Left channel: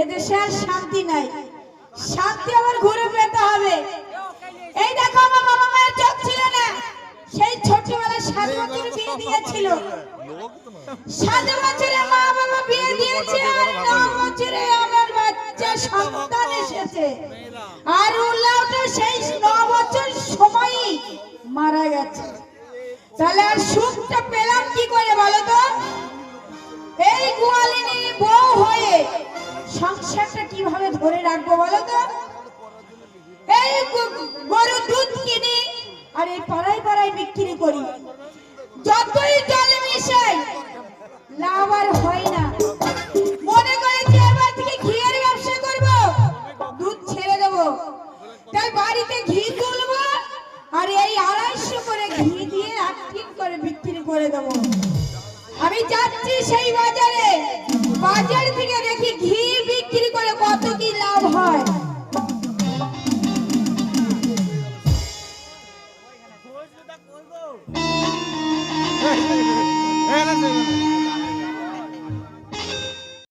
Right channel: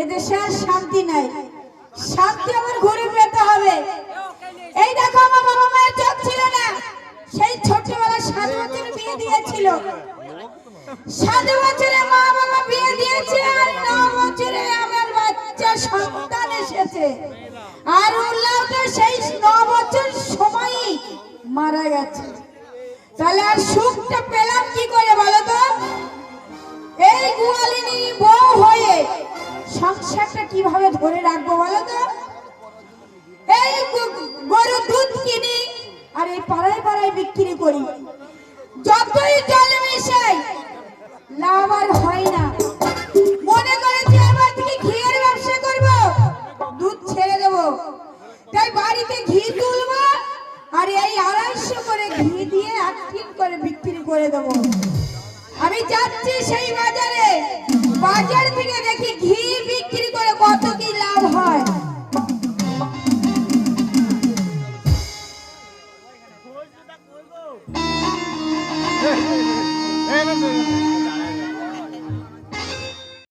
এদেশে আর শান্তি নাই, শান্তি আবার ঘুরে পেতে হবে। এই দেখো আমার বাবা মায়ের চোখ ছিল না, সেই ছোটবেলায় 7 বছর বিয়ে দিয়েছিল, 7 বছরে মা বাবা বিয়ে দিয়েছে, আর 9 বছরে আমার বাচ্চা সন্তান এসেছে, আর উল্লাতে সেই 9 বছর সময়ই মারা গেছে। তাহলে আর সুখটা পেলাম কি করে বলো তো? এই গোয়ালিনী বউ হয়ে সংসারটা কিভাবে ধরে রাখবো বলো তো? এই গরু দুধ কিনি আর এই পাড়ায় পাড়ায় বিক্রি করি, যতই জলে মিশাই লাভ আর হয় না। মনে করেছি এবার থেকে ঘিয়ের ব্যবসা করব, দুধ ছেড়ে দেবো, তাই বাড়িতে ঘি তুলবো আর এই 250 করে ঘি দিয়ে 1 কিলো করে বিক্রি করে দেবো। আমি যাচ্ছি সেই বাজারে, বাজার থেকে দেখি ঘি